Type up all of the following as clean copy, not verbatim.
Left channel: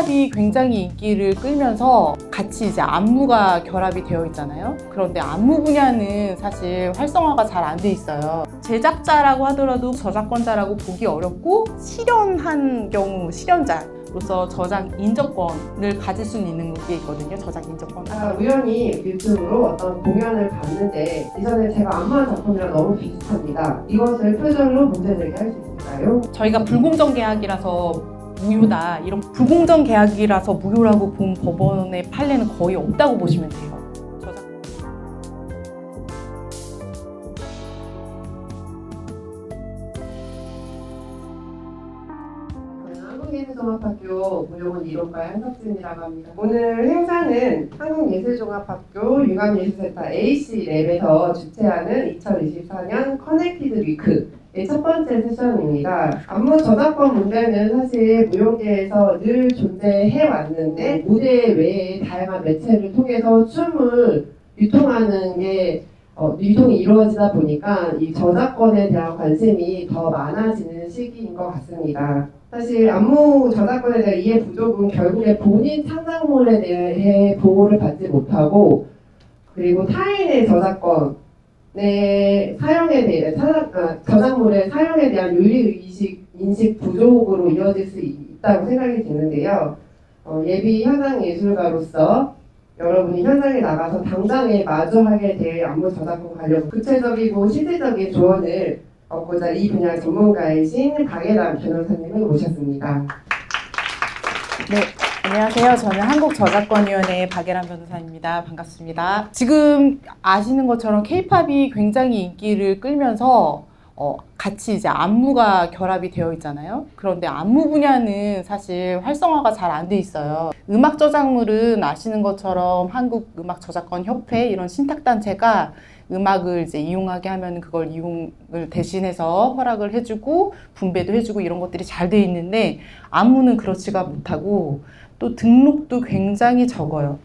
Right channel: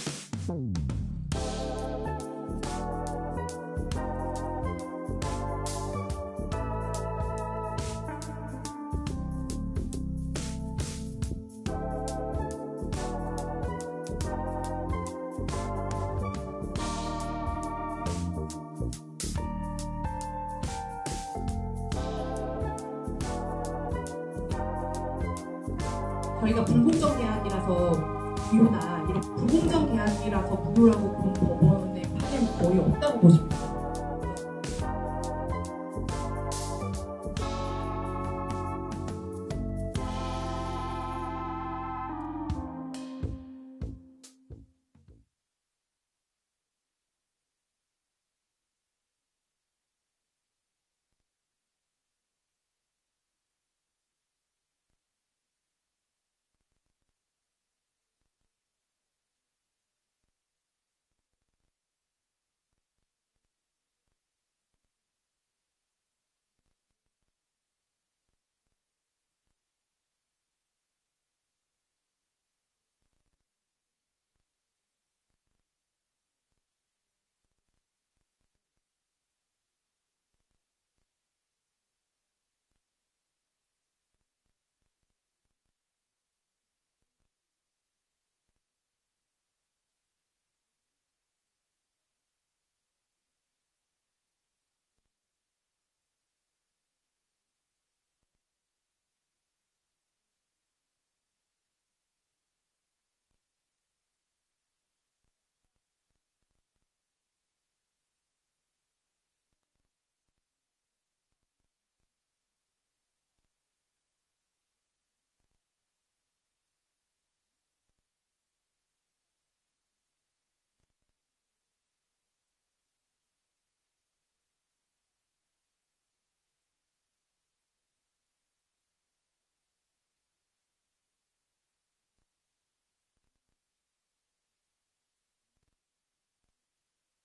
K-팝이 굉장히 인기를 끌면서 같이 이제 안무가 결합이 되어 있잖아요. 그런데 안무 분야는 사실 활성화가 잘 안 돼 있어요. 제작자라고 하더라도 저작권자라고 보기 어렵고 실현한 경우 실현자로서 저작 인정권을 가질 수 있는 게 있거든요. 저작 인정권. 우연히 유튜브로 어떤 공연을 봤는데 이전에 제가 안무한 작품이랑 너무 비슷합니다. 이것을 표절로 문제 제기할 수 있을까요? 저희가 불공정 계약이라서 무효다, 이런 불공정 계약이라서 무효라고 본 법원의 판례는 거의 없다고 보시면 돼요. 한국예술종합학교 무용은 1호과 한석진이라고 합니다. 오늘 행사는 한국예술종합학교 융합예술센터 AC랩에서 주최하는 2024년 커넥티드 위크의 첫 번째 세션입니다. 안무 저작권 문제는 사실 무용계에서 늘 존재해 왔는데 무대 외에 다양한 매체를 통해서 춤을 유통하는 게 유통이 이루어지다 보니까 이 저작권에 대한 관심이 더 많아지는 시기인 것 같습니다. 사실 안무 저작권에 대한 이해 부족은 결국에 본인 창작물에 대해 보호를 받지 못하고 그리고 타인의 저작권의 사용에 대해 저작물의 사용에 대한 윤리 인식 부족으로 이어질 수 있다고 생각이 드는데요. 예비 현장 예술가로서 여러분이 현장에 나가서 당장에 마주하게 될 안무 저작권 관련 구체적이고 실질적인 조언을 얻고자 이 분야 전문가이신 박예람 변호사님을 모셨습니다. 네, 안녕하세요. 저는 한국저작권위원회의 박예람 변호사입니다. 반갑습니다. 지금 아시는 것처럼 K-팝이 굉장히 인기를 끌면서 같이 이제 안무가 결합이 되어 있잖아요. 그런데 안무 분야는 사실 활성화가 잘 안 돼 있어요. 음악 저작물은 아시는 것처럼 한국음악저작권협회 이런 신탁단체가 음악을 이제 이용하게 하면 그걸 이용을 대신해서 허락을 해주고 분배도 해주고 이런 것들이 잘 돼 있는데 안무는 그렇지가 못하고 또 등록도 굉장히 적어요.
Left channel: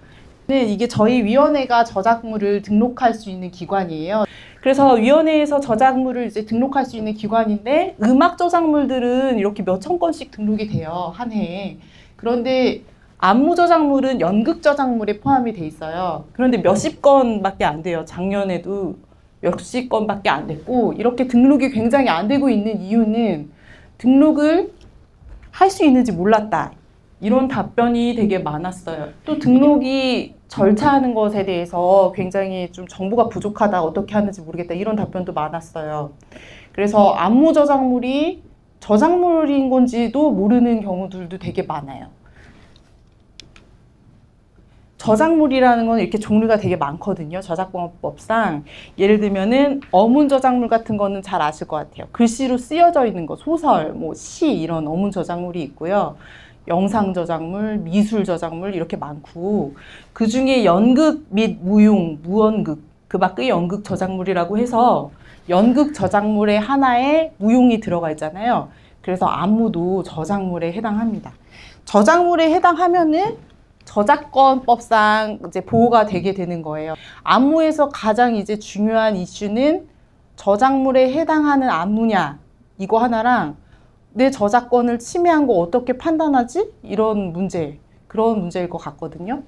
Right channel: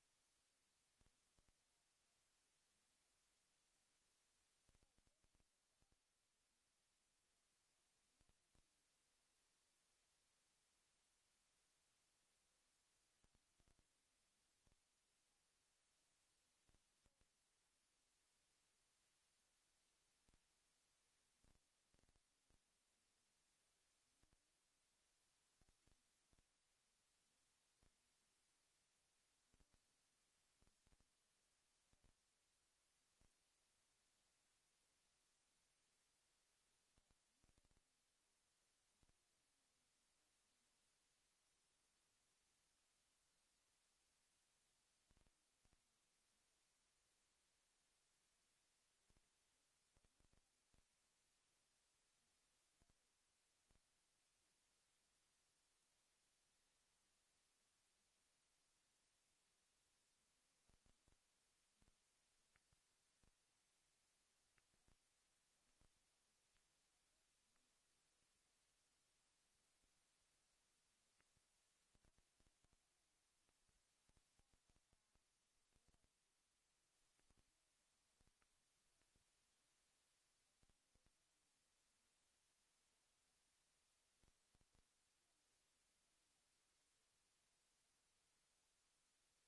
네, 이게 저희 위원회가 저작물을 등록할 수 있는 기관이에요. 그래서 위원회에서 저작물을 이제 등록할 수 있는 기관인데 음악 저작물들은 이렇게 몇천 건씩 등록이 돼요, 한 해에. 그런데 안무 저작물은 연극 저작물에 포함이 돼 있어요. 그런데 몇십 건밖에 안 돼요. 작년에도 몇십 건밖에 안 됐고 이렇게 등록이 굉장히 안 되고 있는 이유는 등록을 할 수 있는지 몰랐다. 이런 답변이 되게 많았어요. 또 등록이 절차하는 것에 대해서 굉장히 좀 정보가 부족하다, 어떻게 하는지 모르겠다 이런 답변도 많았어요. 그래서 안무 저작물이 저작물인 건지도 모르는 경우들도 되게 많아요. 저작물이라는 건 이렇게 종류가 되게 많거든요. 저작권법상. 예를 들면은 어문 저작물 같은 거는 잘 아실 것 같아요. 글씨로 쓰여져 있는 거, 소설, 뭐 시 이런 어문 저작물이 있고요. 영상 저작물, 미술 저작물 이렇게 많고 그 중에 연극 및 무용, 무언극, 그 밖의 연극 저작물이라고 해서 연극 저작물의 하나에 무용이 들어가 있잖아요. 그래서 안무도 저작물에 해당합니다. 저작물에 해당하면은 저작권법상 이제 보호가 되게 되는 거예요. 안무에서 가장 이제 중요한 이슈는 저작물에 해당하는 안무냐 이거 하나랑 내 저작권을 침해한 거 어떻게 판단하지? 이런 문제, 그런 문제일 것 같거든요.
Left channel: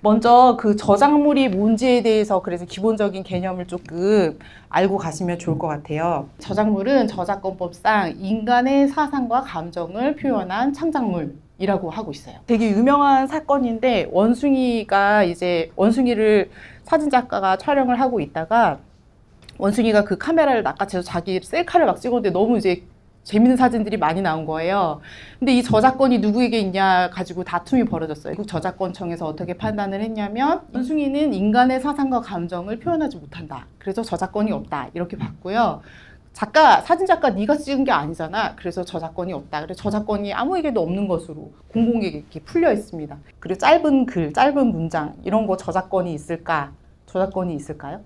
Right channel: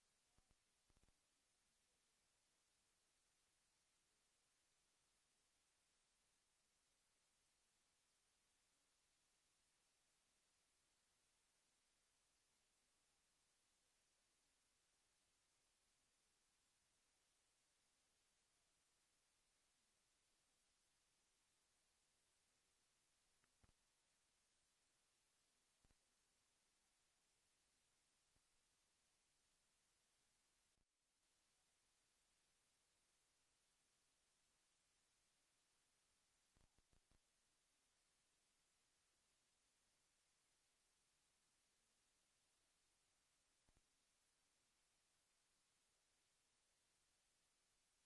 먼저 그 저작물이 뭔지에 대해서 그래서 기본적인 개념을 조금 알고 가시면 좋을 것 같아요. 저작물은 저작권법상 인간의 사상과 감정을 표현한 창작물이라고 하고 있어요. 되게 유명한 사건인데 원숭이를 사진작가가 촬영을 하고 있다가 원숭이가 그 카메라를 낚아채서 자기 셀카를 막 찍었는데 너무 이제 재밌는 사진들이 많이 나온 거예요. 근데 이 저작권이 누구에게 있냐 가지고 다툼이 벌어졌어요. 국저작권청에서 어떻게 판단을 했냐면 원숭이는 인간의 사상과 감정을 표현하지 못한다. 그래서 저작권이 없다. 이렇게 봤고요. 사진작가 네가 찍은 게 아니잖아. 그래서 저작권이 없다. 그래서 저작권이 아무에게도 없는 것으로 공공에게 이렇게 풀려 있습니다. 그리고 짧은 글, 짧은 문장 이런 거 저작권이 있을까? 저작권이 있을까요?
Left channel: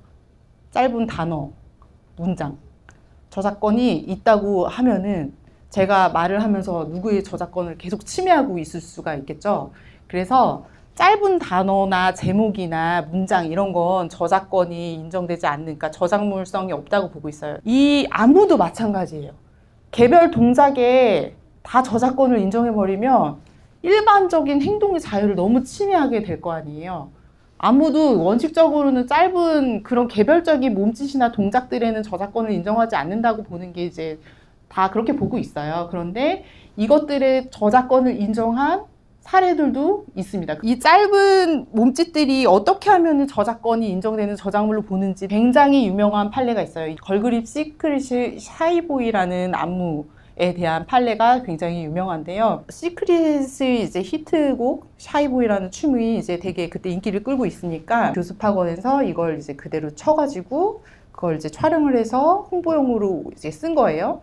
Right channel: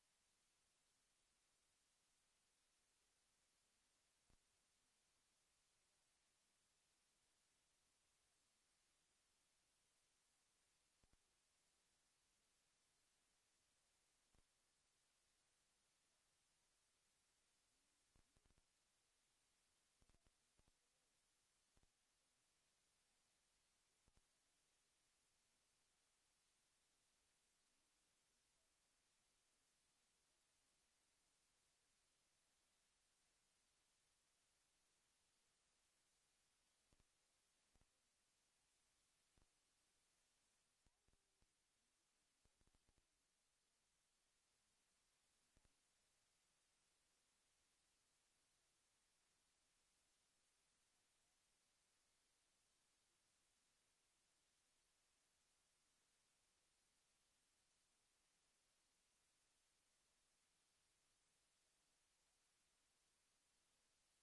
짧은 단어, 문장. 저작권이 있다고 하면은 제가 말을 하면서 누구의 저작권을 계속 침해하고 있을 수가 있겠죠. 그래서 짧은 단어나 제목이나 문장 이런 건 저작권이 인정되지 않으니까 저작물성이 없다고 보고 있어요. 이 안무도 마찬가지예요. 개별 동작에 다 저작권을 인정해버리면 일반적인 행동의 자유를 너무 침해하게 될 거 아니에요. 아무도 원칙적으로는 짧은 그런 개별적인 몸짓이나 동작들에는 저작권을 인정하지 않는다고 보는 게 이제 다 그렇게 보고 있어요. 그런데 이것들의 저작권을 인정한 사례들도 있습니다. 이 짧은 몸짓들이 어떻게 하면 저작권이 인정되는 저작물로 보는지 굉장히 유명한 판례가 있어요. 걸그룹 시크릿 샤이보이라는 안무에 대한 판례가 굉장히 유명한데요. 시크릿의 이제 히트곡 샤이보이라는 춤이 이제 되게 그때 인기를 끌고 있으니까 교습학원에서 이걸 이제 그대로 쳐가지고 그걸 이제 촬영을 해서 홍보용으로 이제 쓴 거예요.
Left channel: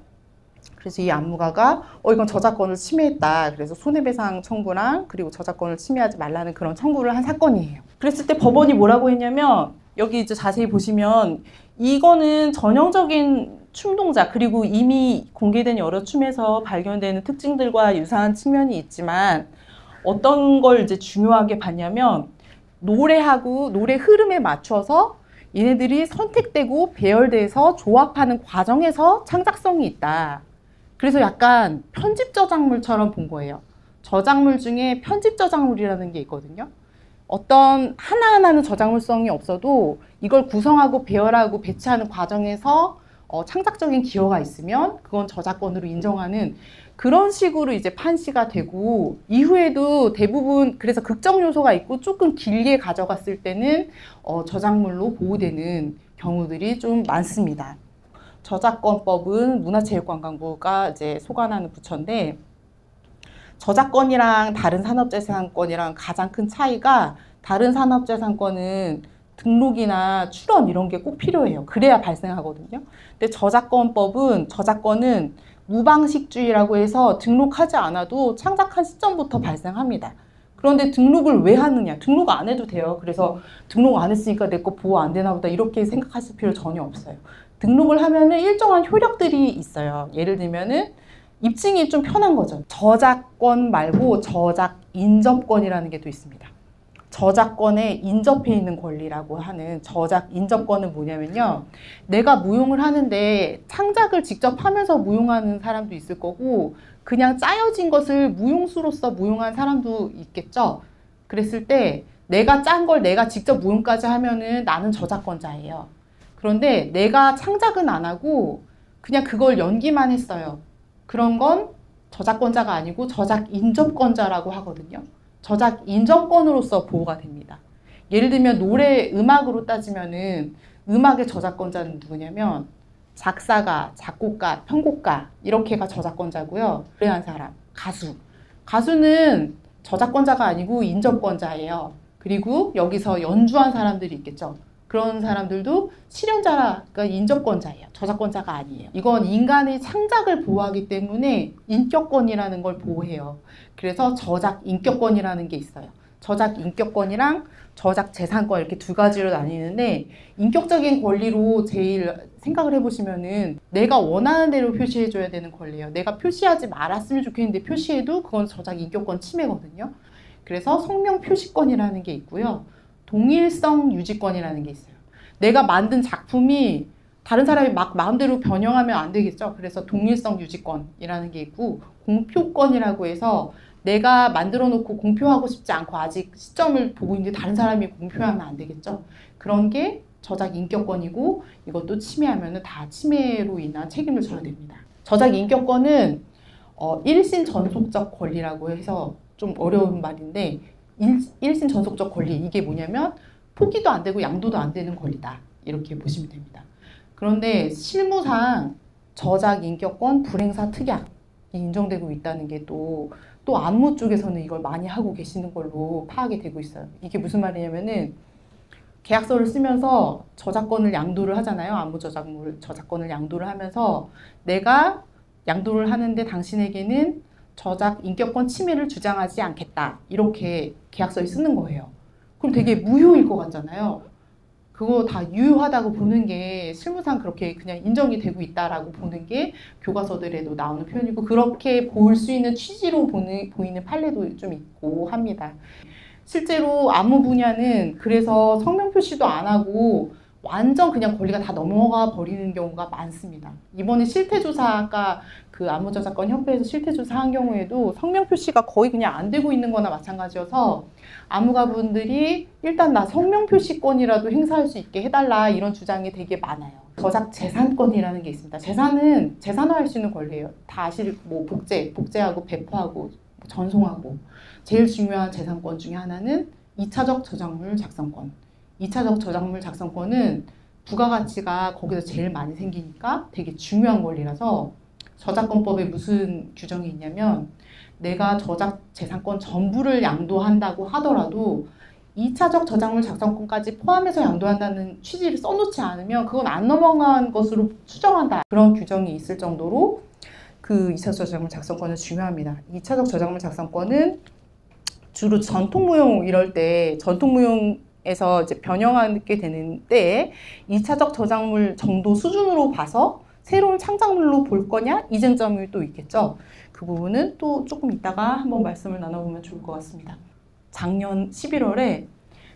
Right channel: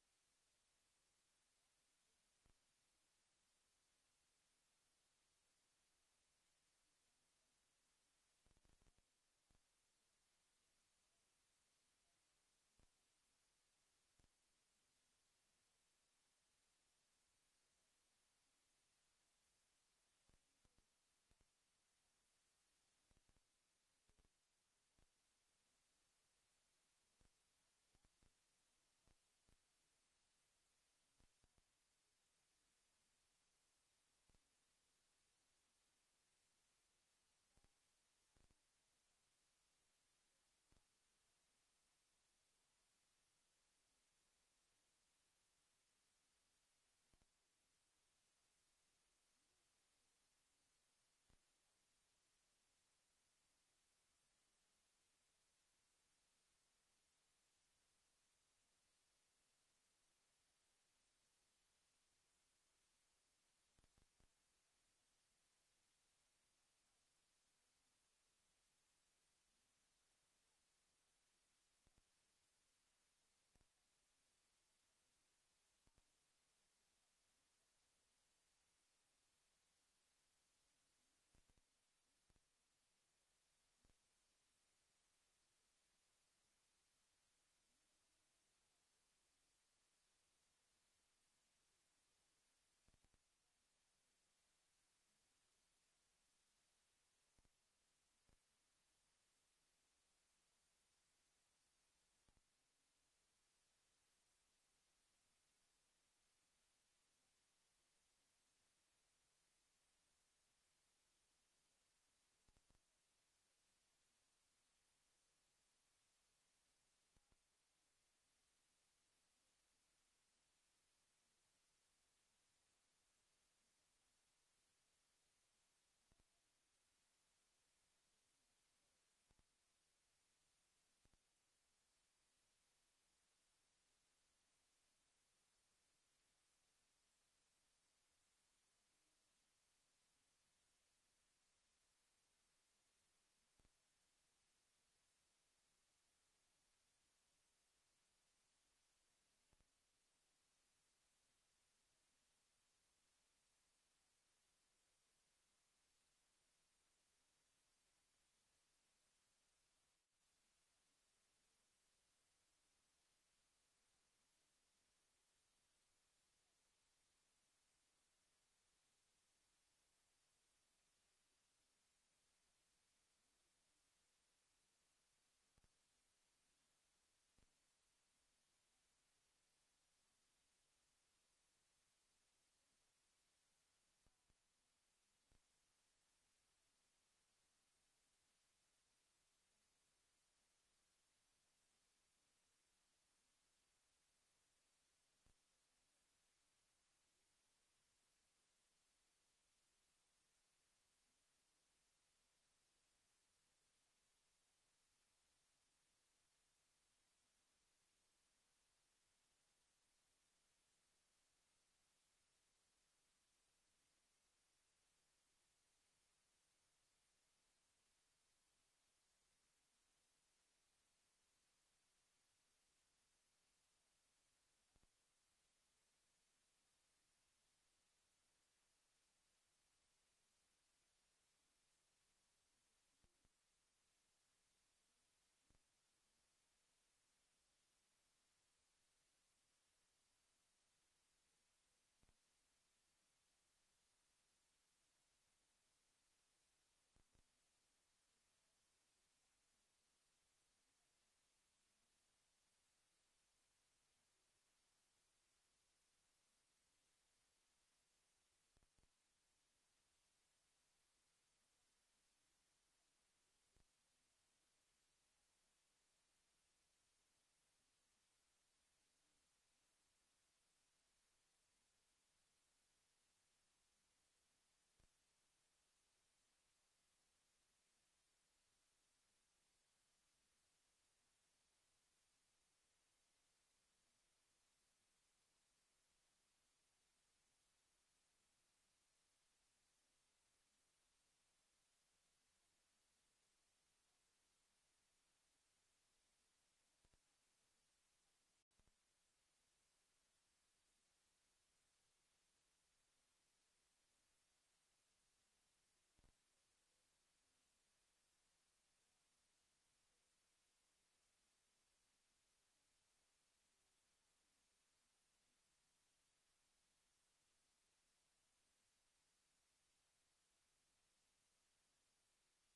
그래서 이 안무가가 이건 저작권을 침해했다. 그래서 손해배상 청구랑 그리고 저작권을 침해하지 말라는 그런 청구를 한 사건이에요. 그랬을 때 법원이 뭐라고 했냐면 여기 이제 자세히 보시면 이거는 전형적인 춤 동작 그리고 이미 공개된 여러 춤에서 발견되는 특징들과 유사한 측면이 있지만 어떤 걸 이제 중요하게 봤냐면 노래하고 노래 흐름에 맞춰서 얘네들이 선택되고 배열돼서 조합하는 과정에서 창작성이 있다. 그래서 약간 편집 저작물처럼 본 거예요. 저작물 중에 편집 저작물이라는 게 있거든요. 어떤 하나하나는 저작물성이 없어도 이걸 구성하고 배열하고 배치하는 과정에서 창작적인 기여가 있으면 그건 저작권으로 인정하는 그런 식으로 이제 판시가 되고 이후에도 대부분 그래서 극적 요소가 있고 조금 길게 가져갔을 때는 저작물로 보호되는 경우들이 좀 많습니다. 저작권법은 문화체육관광부가 이제 소관하는 부처인데 저작권이랑 다른 산업재산권이랑 가장 큰 차이가 다른 산업재산권은 등록이나 출원 이런 게 꼭 필요해요. 그래야 발생하거든요. 근데 저작권은 무방식주의라고 해서 등록하지 않아도 창작한 시점부터 발생합니다. 그런데 등록을 왜 하느냐? 등록 안 해도 돼요. 그래서 등록 안 했으니까 내 거 보호 안 되나 보다 이렇게 생각하실 필요 전혀 없어요. 등록을 하면은 일정한 효력들이 있어요. 예를 들면은 입증이 좀 편한 거죠. 저작권 말고 저작 인접권이라는 게 또 있습니다. 저작권에 인접해 있는 권리라고 하는 저작 인접권은 뭐냐면요. 내가 무용을 하는데 창작을 직접 하면서 무용하는 사람도 있을 거고 그냥 짜여진 것을 무용수로서 무용한 사람도 있겠죠. 그랬을 때 내가 짠 걸 내가 직접 무용까지 하면은 나는 저작권자예요. 그런데 내가 창작은 안 하고 그냥 그걸 연기만 했어요. 그런 건 저작권자가 아니고 저작 인접권자라고 하거든요. 저작 인접권으로서 보호가 됩니다. 예를 들면 노래 음악으로 따지면은 음악의 저작권자는 누구냐면 작사가, 작곡가, 편곡가 이렇게가 저작권자고요. 노래한 사람, 가수. 가수는 저작권자가 아니고 인접권자예요. 그리고 여기서 연주한 사람들이 있겠죠. 그런 사람들도 실현자가 인접권자예요. 저작권자가 아니에요. 이건 인간의 창작을 보호하기 때문에 인격권이라는 걸 보호해요. 그래서 저작 인격권이라는 게 있어요. 저작 인격권이랑 저작 재산권 이렇게 두 가지로 나뉘는데 인격적인 권리로 제일 생각을 해보시면은 내가 원하는 대로 표시해줘야 되는 권리예요. 내가 표시하지 말았으면 좋겠는데 표시해도 그건 저작 인격권 침해거든요. 그래서 성명 표시권이라는 게 있고요. 동일성 유지권이라는 게 있어요. 내가 만든 작품이 다른 사람이 막 마음대로 변형하면 안 되겠죠. 그래서 동일성 유지권이라는 게 있고 공표권이라고 해서 내가 만들어 놓고 공표하고 싶지 않고 아직 시점을 보고 있는데 다른 사람이 공표하면 안 되겠죠. 그런 게 저작 인격권이고 이것도 침해하면 다 침해로 인한 책임을 져야 됩니다. 저작 인격권은 일신 전속적 권리라고 해서 좀 어려운 말인데 일신 전속적 권리 이게 뭐냐면 포기도 안 되고 양도도 안 되는 권리다 이렇게 보시면 됩니다. 그런데 실무상 저작 인격권 불행사 특약이 인정되고 있다는 게 또 안무 쪽에서는 이걸 많이 하고 계시는 걸로 파악이 되고 있어요. 이게 무슨 말이냐면은 계약서를 쓰면서 저작권을 양도를 하잖아요. 안무 저작권을 양도를 하면서 내가 양도를 하는데 당신에게는 저작 인격권 침해를 주장하지 않겠다. 이렇게 계약서에 쓰는 거예요. 그럼 되게 무효일 것 같잖아요. 그거 다 유효하다고 보는 게 실무상 그렇게 그냥 인정이 되고 있다라고 보는 게 교과서들에도 나오는 표현이고 그렇게 볼 수 있는 취지로 보이는 판례도 좀 있고 합니다. 실제로 안무 분야는 그래서 성명 표시도 안 하고 완전 그냥 권리가 다 넘어가 버리는 경우가 많습니다. 이번에 실태조사가 그 안무저작권 협회에서 실태조사한 경우에도 성명 표시가 거의 그냥 안 되고 있는 거나 마찬가지여서 안무가분들이 일단 나 성명 표시권이라도 행사할 수 있게 해달라 이런 주장이 되게 많아요. 저작 재산권이라는 게 있습니다. 재산은 재산화할 수 있는 권리예요. 다 아실 뭐 복제하고 배포하고 전송하고 제일 중요한 재산권 중에 하나는 2차적 저작물 작성권. 2차적 저작물 작성권은 부가가치가 거기서 제일 많이 생기니까 되게 중요한 권리라서 저작권법에 무슨 규정이 있냐면 내가 저작 재산권 전부를 양도한다고 하더라도 2차적 저작물 작성권까지 포함해서 양도한다는 취지를 써놓지 않으면 그건 안 넘어간 것으로 추정한다. 그런 규정이 있을 정도로 그 2차적 저작물 작성권은 중요합니다. 2차적 저작물 작성권은 주로 전통무용 이럴 때 전통무용에서 이제 변형하게 되는 때에 2차적 저작물 정도 수준으로 봐서 새로운 창작물로 볼 거냐 이쟁점이 또 있겠죠. 그 부분은 또 조금 이따가 한번 말씀을 나눠보면 좋을 것 같습니다. 작년 11월에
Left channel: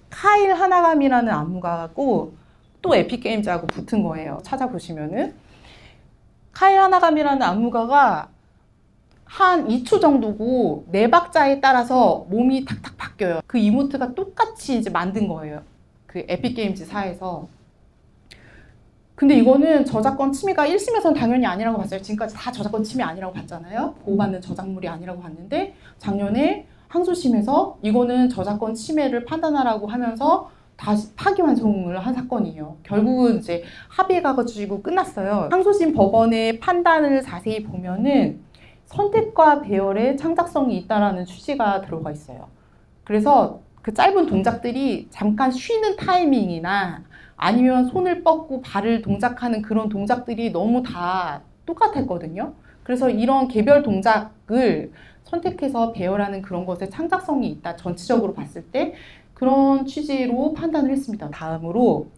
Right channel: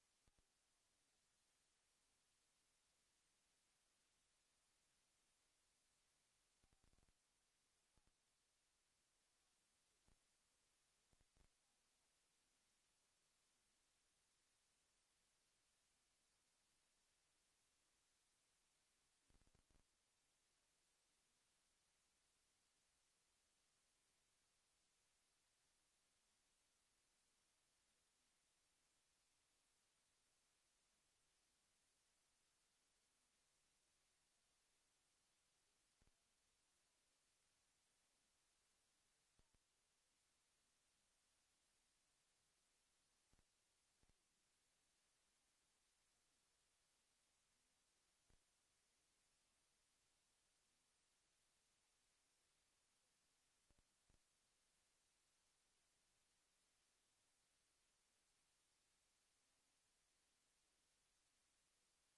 카일 하나감이라는 안무가고 또 에픽게임즈하고 붙은 거예요. 찾아보시면은 카일 하나감이라는 안무가가 한 2초 정도고 네 박자에 따라서 몸이 탁탁 바뀌어요. 그 이모트가 똑같이 이제 만든 거예요. 그 에픽게임즈사에서. 근데 이거는 저작권 침해가 1심에서는 당연히 아니라고 봤어요. 지금까지 다 저작권 침해 아니라고 봤잖아요. 보호받는 저작물이 아니라고 봤는데 작년에 항소심에서 이거는 저작권 침해를 판단하라고 하면서 다시 파기환송을 한 사건이에요. 결국은 이제 합의에 가가지고 끝났어요. 항소심 법원의 판단을 자세히 보면은 선택과 배열에 창작성이 있다라는 취지가 들어가 있어요. 그래서 그 짧은 동작들이 잠깐 쉬는 타이밍이나 아니면 손을 뻗고 발을 동작하는 그런 동작들이 너무 다 똑같았거든요. 그래서 이런 개별 동작을 선택해서 배열하는 그런 것에 창작성이 있다. 전체적으로 봤을 때 그런 취지로 판단을 했습니다. 다음으로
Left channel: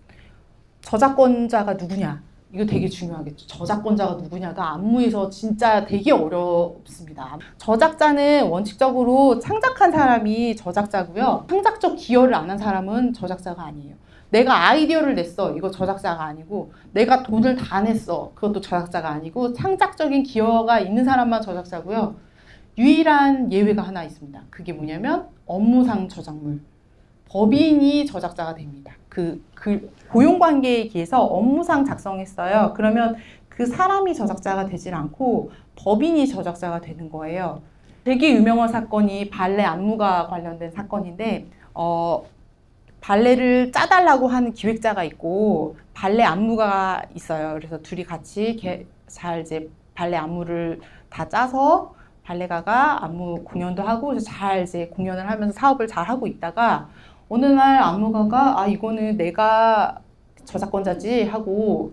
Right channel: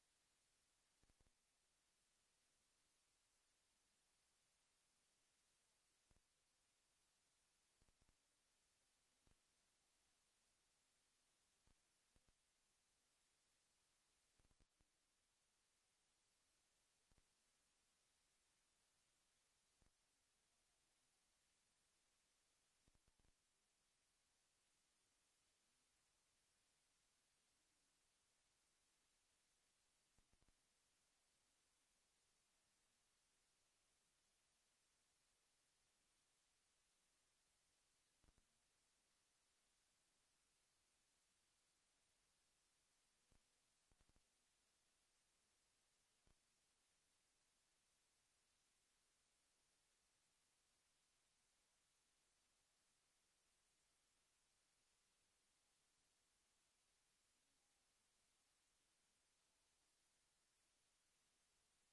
저작권자가 누구냐. 이거 되게 중요하겠죠. 저작권자가 누구냐가 안무에서 진짜 되게 어렵습니다. 저작자는 원칙적으로 창작한 사람이 저작자고요. 창작적 기여를 안 한 사람은 저작자가 아니에요. 내가 아이디어를 냈어. 이거 저작자가 아니고 내가 돈을 다 냈어. 그것도 저작자가 아니고 창작적인 기여가 있는 사람만 저작자고요. 유일한 예외가 하나 있습니다. 그게 뭐냐면 업무상 저작물. 법인이 저작자가 됩니다. 그 고용관계에 의해서 업무상 작성했어요. 그러면 그 사람이 저작자가 되질 않고 법인이 저작자가 되는 거예요. 되게 유명한 사건이 발레 안무가 관련된 사건인데 발레를 짜달라고 하는 기획자가 있고 발레 안무가가 있어요. 그래서 둘이 같이 잘 이제 발레 안무를 다 짜서 발레가가 안무 공연도 하고 잘 이제 공연을 하면서 사업을 잘 하고 있다가 어느 날 안무가가 이거는 내가 저작권자지 하고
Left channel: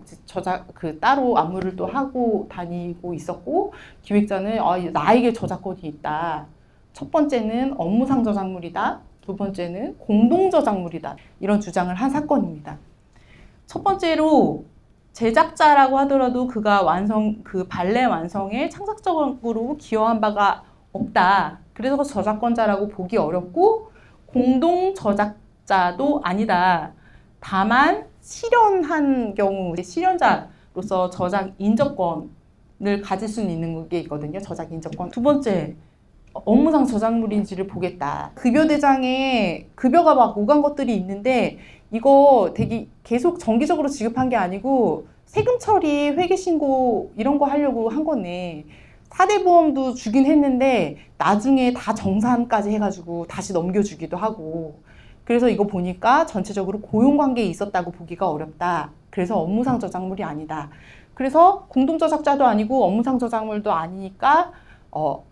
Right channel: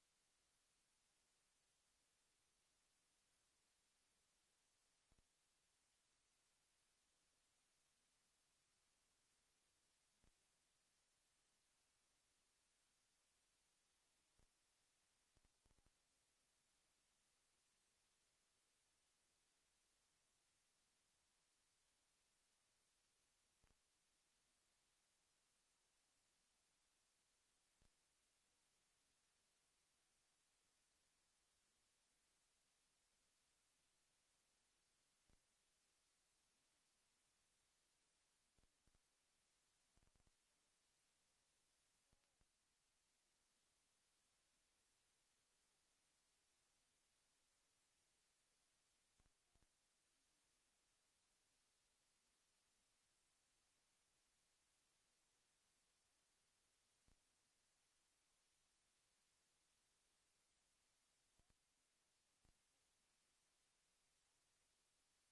따로 안무를 또 하고 다니고 있었고 기획자는 나에게 저작권이 있다. 첫 번째는 업무상 저작물이다. 두 번째는 공동 저작물이다. 이런 주장을 한 사건입니다. 첫 번째로 제작자라고 하더라도 그가 그 발레 완성에 창작적으로 기여한 바가 없다. 그래서 저작권자라고 보기 어렵고 공동 저작자도 아니다. 다만 실현한 경우 실현자로서 저작 인정권을 가질 수는 있는 게 있거든요. 저작 인정권. 두 번째, 업무상 저작물인지를 보겠다. 급여 대장에 급여가 막 오간 것들이 있는데 이거 되게 계속 정기적으로 지급한 게 아니고 세금 처리, 회계 신고 이런 거 하려고 한 거네. 4대 보험도 주긴 했는데 나중에 다 정산까지 해가지고 다시 넘겨주기도 하고 그래서 이거 보니까 전체적으로 고용관계에 있었다고 보기가 어렵다. 그래서 업무상 저작물이 아니다. 그래서 공동저작자도 아니고 업무상 저작물도 아니니까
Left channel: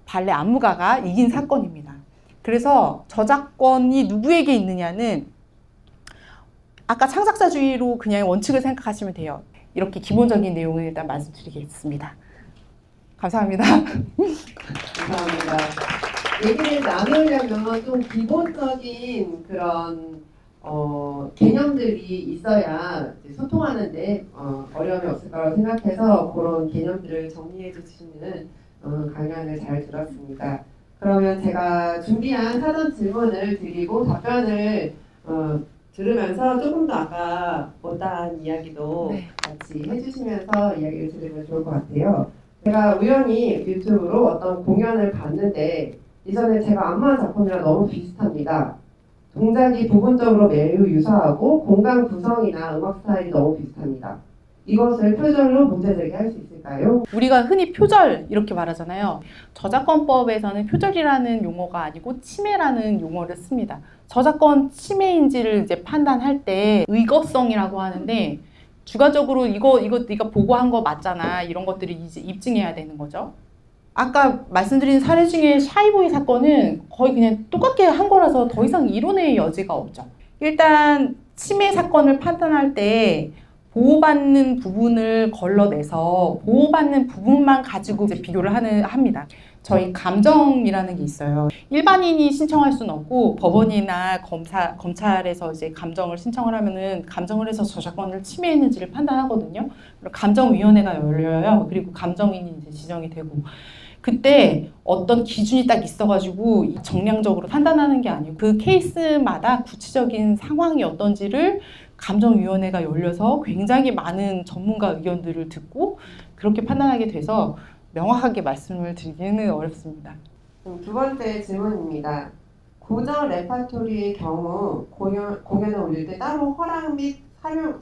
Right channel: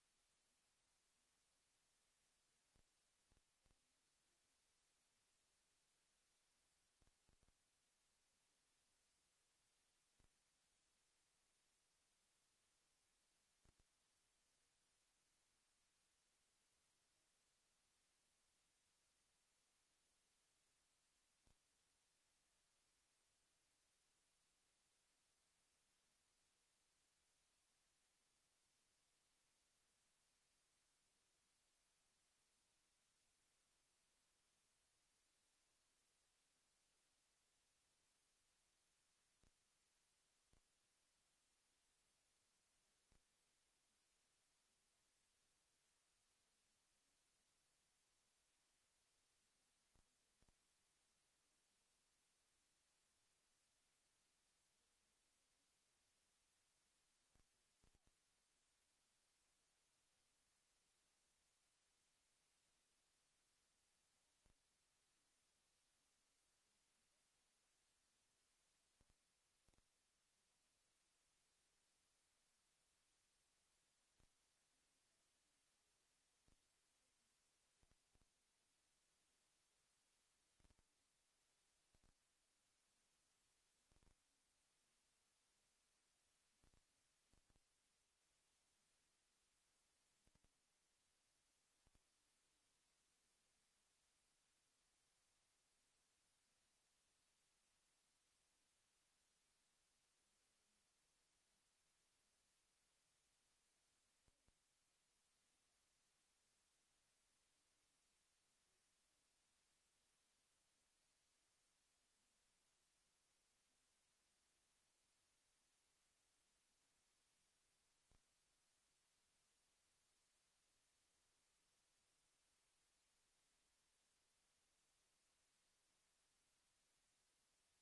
발레 안무가가 이긴 사건입니다. 그래서 저작권이 누구에게 있느냐는 아까 창작자주의로 그냥 원칙을 생각하시면 돼요. 이렇게 기본적인 내용을 일단 말씀드리겠습니다. 감사합니다. 감사합니다. 얘기를 나누려면 좀 기본적인 그런 개념들이 있어야 소통하는데 어려움이 없을 거라고 생각해서 그런 개념들을 정리해 주시는 강연을 잘 들었습니다. 그러면 제가 준비한 사전 질문을 드리고 답변을 들으면서 조금 더 아까 못다한 이야기도 네. 같이 해주시면서 이야기를 들으면 좋을 것 같아요. 제가 우연히 유튜브로 어떤 공연을 봤는데 이전에 제가 안무한 작품이랑 너무 비슷합니다. 동작이 부분적으로 매우 유사하고 공간 구성이나 음악 스타일이 너무 비슷합니다. 이것을 표절로 문제 제기할 수 있을까요? 우리가 흔히 표절 이렇게 말하잖아요. 저작권법에서는 표절이라는 용어가 아니고 침해라는 용어를 씁니다. 저작권 침해인지를 이제 판단할 때 의거성이라고 하는데 주관적으로 이거 네가 보고한 거 맞잖아. 이런 것들을 이제 입증해야 되는 거죠. 아까 말씀드린 사례 중에 샤이보이 사건은 거의 그냥 똑같게 한 거라서 더 이상 이론의 여지가 없죠. 일단 침해 사건을 판단할 때 보호받는 부분을 걸러내서 보호받는 부분만 가지고 이제 비교를 합니다. 저희 감정이라는 게 있어요. 일반인이 신청할 수는 없고 법원이나 검찰에서 이제 감정을 신청을 하면은 감정을 해서 저작권을 침해했는지를 판단하거든요. 그리고 감정위원회가 열려요. 그리고 감정인이 이제 지정이 되고 그때 어떤 기준이 딱 있어가지고 정량적으로 판단하는 게 아니고 그 케이스마다 구체적인 상황이 어떤지를 감정위원회가 열려서 굉장히 많은 전문가 의견들을 듣고 그렇게 판단하게 돼서 명확하게 말씀을 드리기는 어렵습니다. 두 번째 질문입니다. 고전 레파토리의 경우 공연을 올릴 때 따로 허락 및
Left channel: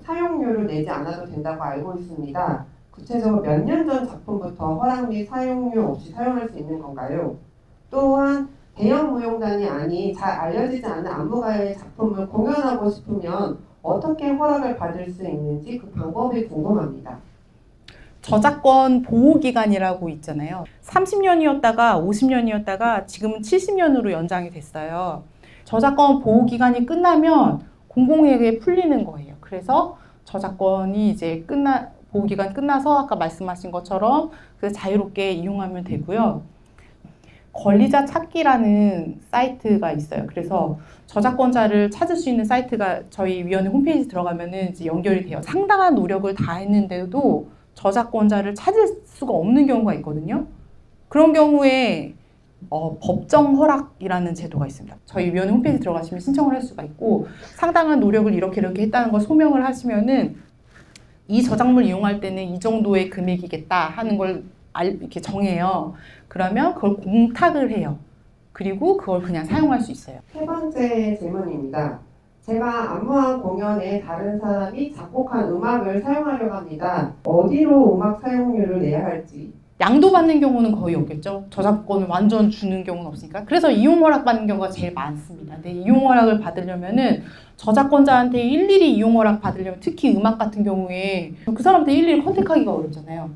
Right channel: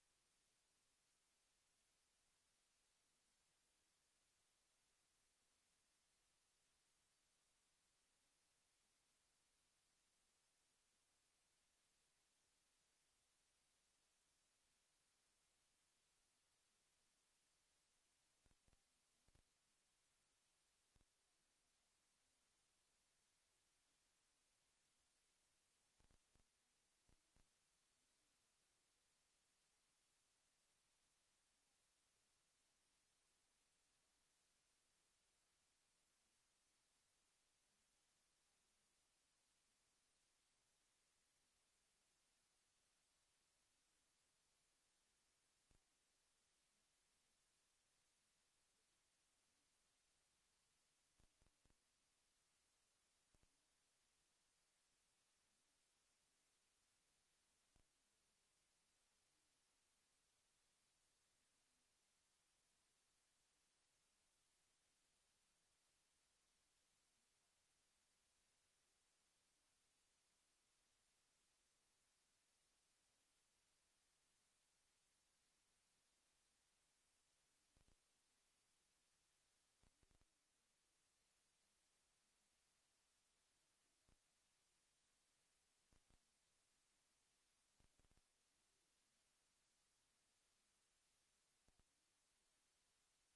사용료를 내지 않아도 된다고 알고 있습니다. 구체적으로 몇 년 전 작품부터 허락 및 사용료 없이 사용할 수 있는 건가요? 또한 대형 무용단이 아닌 잘 알려지지 않은 안무가의 작품을 공연하고 싶으면 어떻게 허락을 받을 수 있는지 그 방법이 궁금합니다. 저작권 보호기간이라고 있잖아요. 30년이었다가 50년이었다가 지금은 70년으로 연장이 됐어요. 저작권 보호기간이 끝나면 공공에게 풀리는 거예요. 그래서 저작권이 이제 보호기간 끝나서 아까 말씀하신 것처럼 자유롭게 이용하면 되고요. 권리자 찾기라는 사이트가 있어요. 그래서 저작권자를 찾을 수 있는 사이트가 저희 위원회 홈페이지 들어가면은 이제 연결이 돼요. 상당한 노력을 다했는데도 저작권자를 찾을 수가 없는 경우가 있거든요. 그런 경우에 법정 허락이라는 제도가 있습니다. 저희 위원회 홈페이지 들어가시면 신청을 할 수가 있고 상당한 노력을 이렇게 했다는 걸 소명을 하시면은 이 저작물 이용할 때는 이 정도의 금액이겠다 하는 걸 이렇게 정해요. 그러면 그걸 공탁을 해요. 그리고 그걸 그냥 사용할 수 있어요. 세 번째 질문입니다. 제가 안무한 공연에 다른 사람이 작곡한 음악을 사용하려고 합니다. 어디로 음악 사용료를 내야 할지. 양도받는 경우는 거의 없겠죠. 저작권을 완전 주는 경우는 없으니까. 그래서 이용 허락 받는 경우가 제일 많습니다. 근데 이용 허락을 받으려면은 저작권자한테 일일이 이용 허락 받으려면 특히 음악 같은 경우에 그 사람한테 일일이 컨택하기가 어렵잖아요.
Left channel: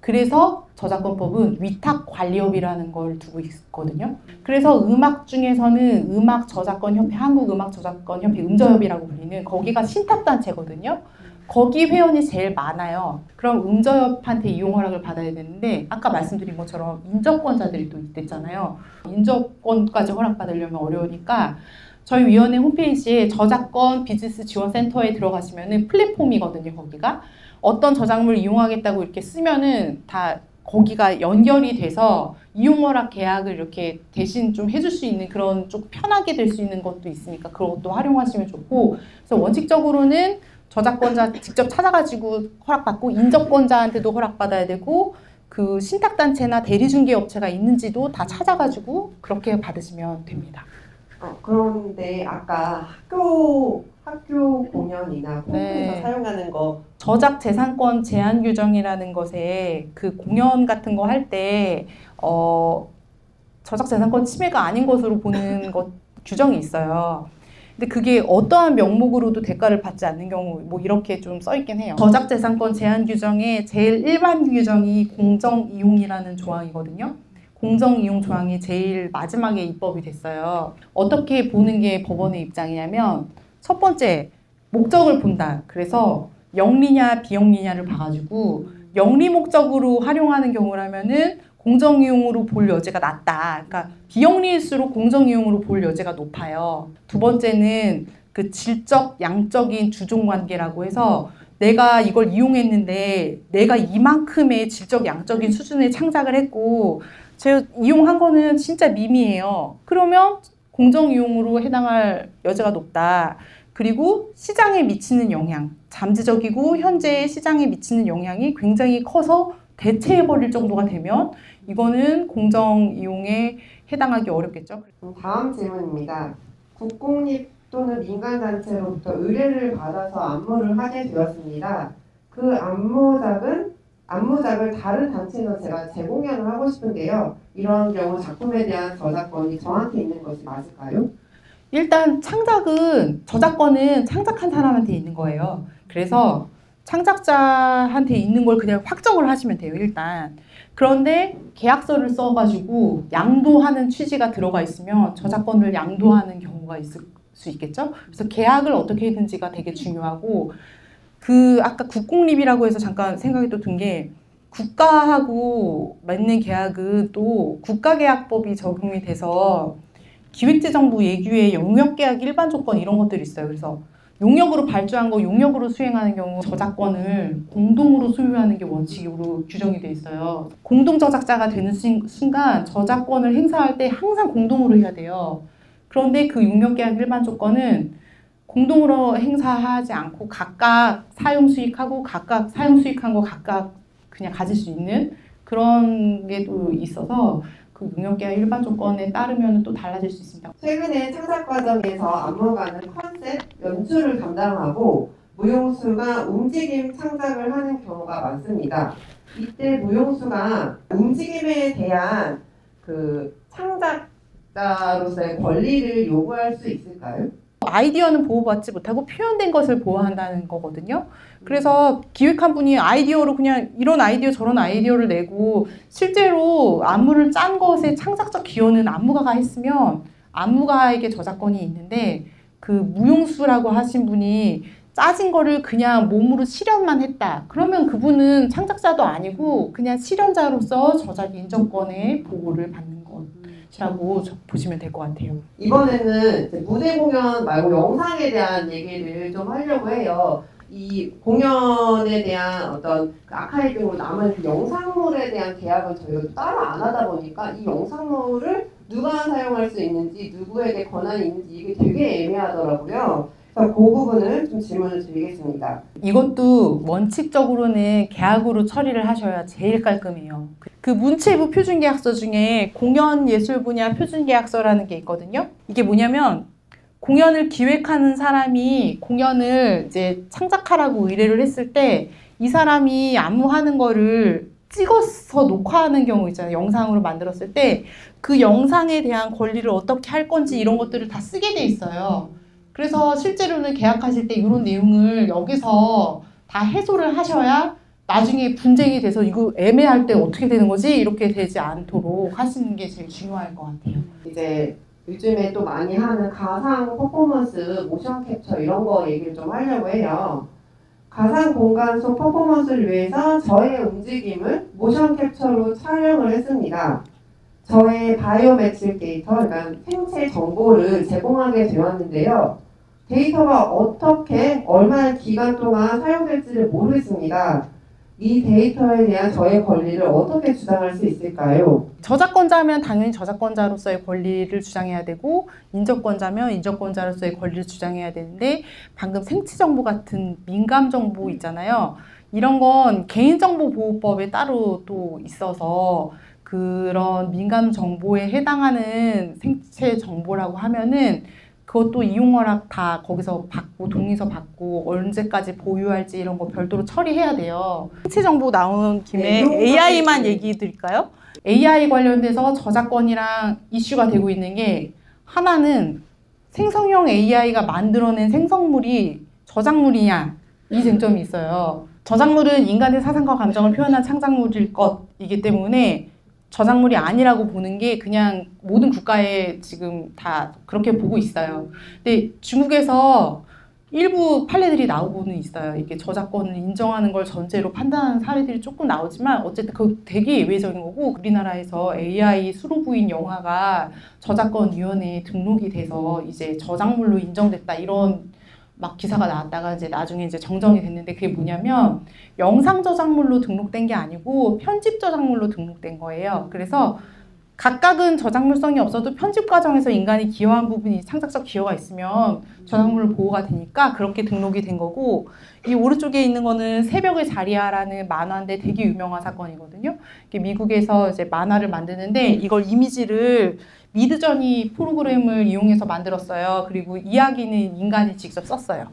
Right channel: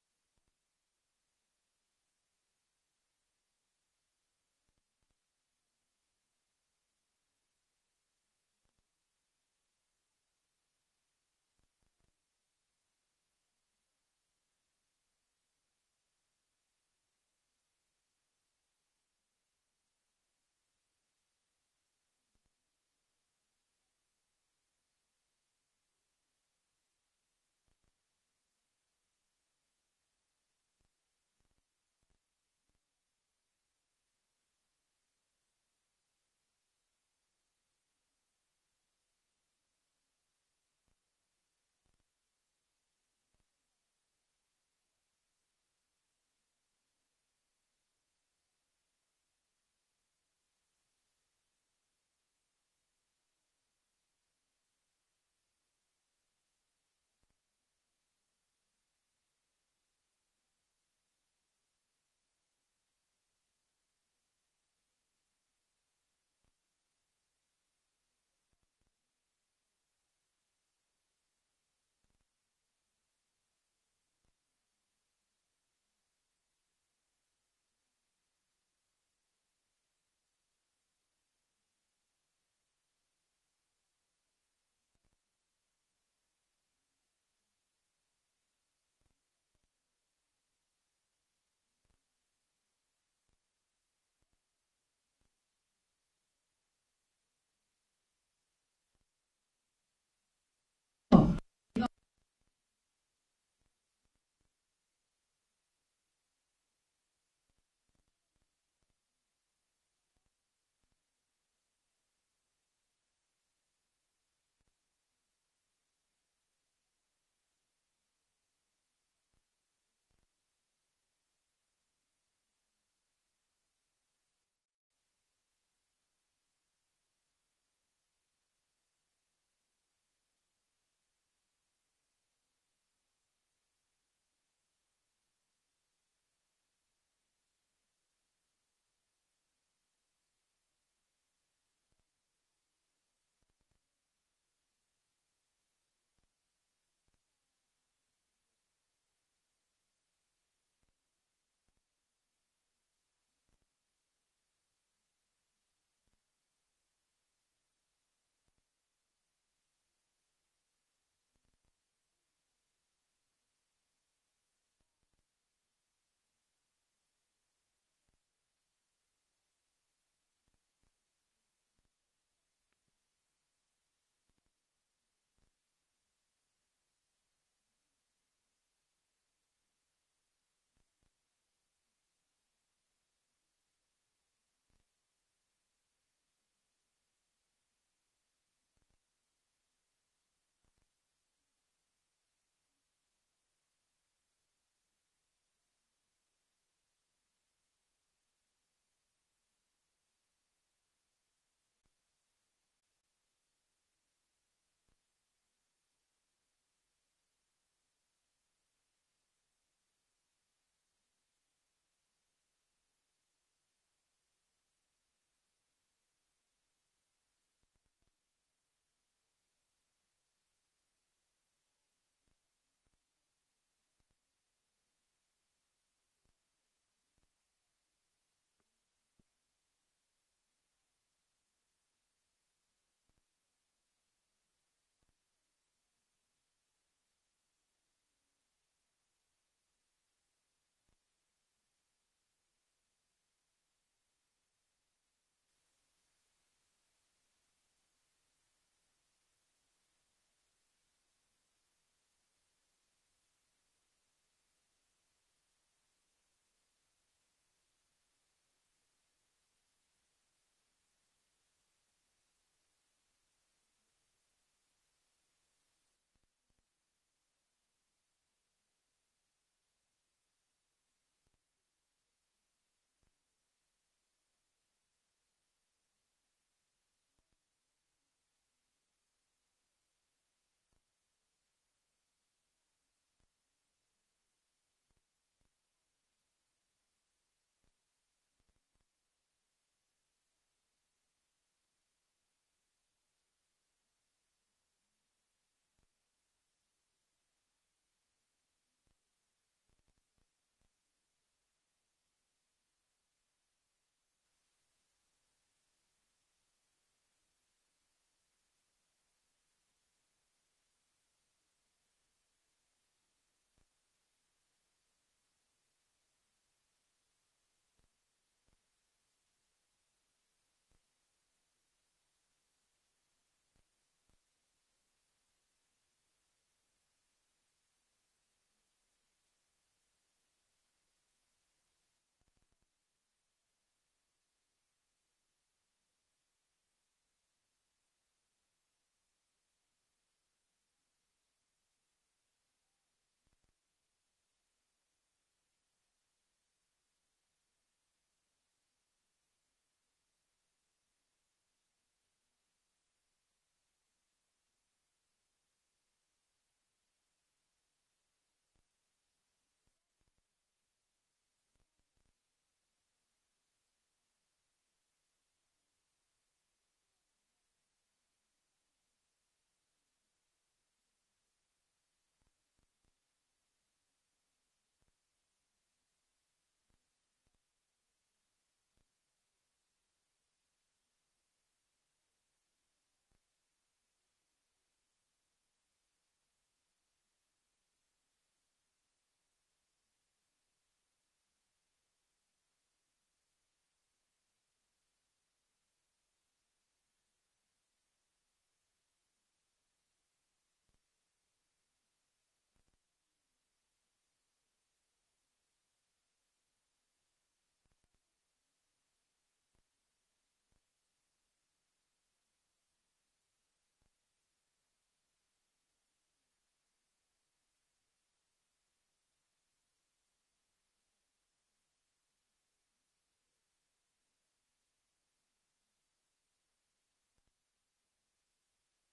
그래서 저작권법은 위탁관리업이라는 걸 두고 있거든요. 그래서 음악 중에서는 음악저작권협회, 한국음악저작권협회 음저협이라고 불리는 거기가 신탁단체거든요. 거기 회원이 제일 많아요. 그럼 음저협한테 이용 허락을 받아야 되는데 아까 말씀드린 것처럼 인접권자들이 또 있댔잖아요. 인접권까지 허락받으려면 어려우니까 저희 위원회 홈페이지에 저작권 비즈니스 지원센터에 들어가시면은 플랫폼이거든요. 거기가 어떤 저작물을 이용하겠다고 이렇게 쓰면은 다 거기가 연결이 돼서 이용허락 계약을 이렇게 대신 좀 해줄 수 있는 그런 좀 편하게 될 수 있는 것도 있으니까 그런 것도 활용하시면 좋고 그래서 원칙적으로는 저작권자 직접 찾아가지고 허락받고 인접권자한테도 허락받아야 되고 그 신탁단체나 대리중개업체가 있는지도 다 찾아가지고 그렇게 받으시면 됩니다. 그런데 아까 학교 공연이나 콘크에서 네. 사용하는 거 저작재산권 제한 규정이라는 것에 그 공연 같은 거 할 때 저작재산권 침해가 아닌 것으로 보는 것 규정이 있어요. 근데 그게 어떠한 명목으로도 대가를 받지 않는 경우 뭐 이렇게 좀 써 있긴 해요. 저작재산권 제한 규정의 제일 일반 규정이 공정이용이라는 조항이거든요. 공정이용 조항이 제일 마지막에 입법이 됐어요. 어떻게 보는 게 법원의 입장이냐면 첫 번째 목적을 본다. 그래서 영리냐 비영리냐를 봐가지고 영리 목적으로 활용하는 경우라면은 공정이용으로 볼 여지가 낮다. 그러니까 비영리일수록 공정이용으로 볼 여지가 높아요. 두 번째는 그 질적 양적인 주종관계라고 해서 내가 이걸 이용했는데 내가 이만큼의 질적 양적인 수준의 창작을 했고 제가 이용한 거는 진짜 미미해요. 그러면 공정이용으로 해당할 여지가 높다. 그리고 시장에 미치는 영향, 잠재적이고 현재 시장에 미치는 영향이 굉장히 커서 대체해버릴 정도가 되면 이거는 공정 이용에 해당하기 어렵겠죠. 다음 질문입니다. 국공립 또는 민간단체로부터 의뢰를 받아서 안무를 하게 되었습니다. 그 안무작을 다른 단체에서 제가 재공연을 하고 싶은데요. 이런 경우 작품에 대한 저작권이 저한테 있는 것이 맞을까요? 일단 저작권은 창작한 사람한테 있는 거예요. 그래서 창작자한테 있는 걸 그냥 확정을 하시면 돼요, 일단. 그런데 계약서를 써가지고 양도하는 취지가 들어가 있으면 저작권을 양도하는 경우가 있을 수 있겠죠. 그래서 계약을 어떻게 했는지가 되게 중요하고, 아까 국공립이라고 해서 잠깐 생각이 또 든 게, 국가하고 맺는 계약은 또 국가계약법이 적용이 돼서 기획재정부 예규의 용역계약 일반 조건 이런 것들이 있어요. 그래서 용역으로 발주한 거 용역으로 수행하는 경우 저작권을 공동으로 소유하는 게 원칙으로 규정이 돼 있어요. 공동 저작자가 되는 순간 저작권을 행사할 때 항상 공동으로 해야 돼요. 그런데 그 용역계약 일반 조건은 공동으로 행사하지 않고 각각 사용 수익하고 각각 사용 수익한 거 각각 그냥 가질 수 있는 그런 게 또 있어서 그 용역계약 일반 조건에 따르면 또 달라질 수 있습니다. 최근에 창작 과정에서 안무가는 컨셉, 연출을 담당하고 무용수가 움직임 창작을 하는 경우가 많습니다. 이때 무용수가 움직임에 대한 그 창작자로서의 권리를 요구할 수 있을까요? 아이디어는 보호받지 못하고 표현된 것을 보호한다는 거거든요. 그래서 기획한 분이 아이디어로 그냥 이런 아이디어 저런 아이디어를 내고 실제로 안무를 짠 것에 창작적 기여는 안무가가 했으면 안무가에게 저작권이 있는데, 그 무용수라고 하신 분이 짜진 거를 그냥 몸으로 실현만 했다. 그러면 그분은 창작자도 아니고 그냥 실현자로서 저작 인정권의 보호를 받는 것이라고 보시면 될 것 같아요. 이번에는 이제 무대 공연 말고 영상에 대한 얘기를 좀 하려고 해요. 이 공연에 대한 어떤 그 아카이브로 남은 그 영상물에 대한 계약을 저희가 따로 안 하다 보니까 이 영상물을 누가 사용할 수 있는지, 누구에게 권한이 있는지 이게 되게 애매하더라고요. 그래서 그 부분을 좀 질문을 드리겠습니다. 이것도 원칙적으로는 계약으로 처리를 하셔야 제일 깔끔해요. 그 문체부 표준계약서 중에 공연예술 분야 표준계약서라는 게 있거든요. 이게 뭐냐면 공연을 기획하는 사람이 공연을 이제 창작하라고 의뢰를 했을 때 이 사람이 안무하는 거를 찍어서 녹화하는 경우 있잖아요. 영상으로 만들었을 때 그 영상에 대한 권리를 어떻게 할 건지 이런 것들을 다 쓰게 돼 있어요. 그래서 실제로는 계약하실 때 이런 내용을 여기서 다 해소를 하셔야 나중에 분쟁이 돼서 이거 애매할 때 어떻게 되는 거지? 이렇게 되지 않도록 하시는 게 제일 중요할 것 같아요. 이제 요즘에 또 많이 하는 가상 퍼포먼스, 모션 캡처 이런 거 얘기를 좀 하려고 해요. 가상 공간 속 퍼포먼스를 위해서 저의 움직임을 모션 캡처로 촬영을 했습니다. 저의 바이오메트릭 데이터, 그러니까 생체 정보를 제공하게 되었는데요. 데이터가 어떻게 얼마나 기간 동안 사용될지를 모르겠습니다. 이 데이터에 대한 저의 권리를 어떻게 주장할 수 있을까요? 저작권자면 당연히 저작권자로서의 권리를 주장해야 되고, 인접권자면 인접권자로서의 권리를 주장해야 되는데, 방금 생체정보 같은 민감정보 있잖아요. 이런 건 개인정보보호법에 따로 또 있어서 그런 민감정보에 해당하는 생체정보라고 하면은 그것도 이용허락 다 거기서 받고 동의서 받고 언제까지 보유할지 이런 거 별도로 처리해야 돼요. 생체 정보 나온 김에 AI만 얘기 드릴까요? AI 관련돼서 저작권이랑 이슈가 되고 있는 게, 하나는 생성형 AI가 만들어낸 생성물이 저작물이냐, 이 쟁점이 있어요. 저작물은 인간의 사상과 감정을 표현한 창작물일 것이기 때문에 저작물이 아니라고 보는 게 그냥 모든 국가에 지금 다 그렇게 보고 있어요. 근데 중국에서 일부 판례들이 나오고는 있어요. 이게 저작권을 인정하는 걸 전제로 판단하는 사례들이 조금 나오지만 어쨌든 그거 되게 예외적인 거고, 우리나라에서 AI 수로 부인 영화가 저작권위원회에 등록이 돼서 이제 저작물로 인정됐다 이런 막 기사가 나왔다가 이제 나중에 이제 정정이 됐는데, 그게 뭐냐면 영상 저작물로 등록된 게 아니고 편집 저작물로 등록된 거예요. 그래서 각각은 저작물성이 없어도 편집 과정에서 인간이 기여한 부분이 창작적 기여가 있으면 저작물 보호가 되니까 그렇게 등록이 된 거고, 이 오른쪽에 있는 거는 새벽의 자리야라는 만화인데 되게 유명한 사건이거든요. 이게 미국에서 이제 만화를 만드는데 이걸 이미지를 미드저니 프로그램을 이용해서 만들었어요. 그리고 이야기는 인간이 직접 썼어요.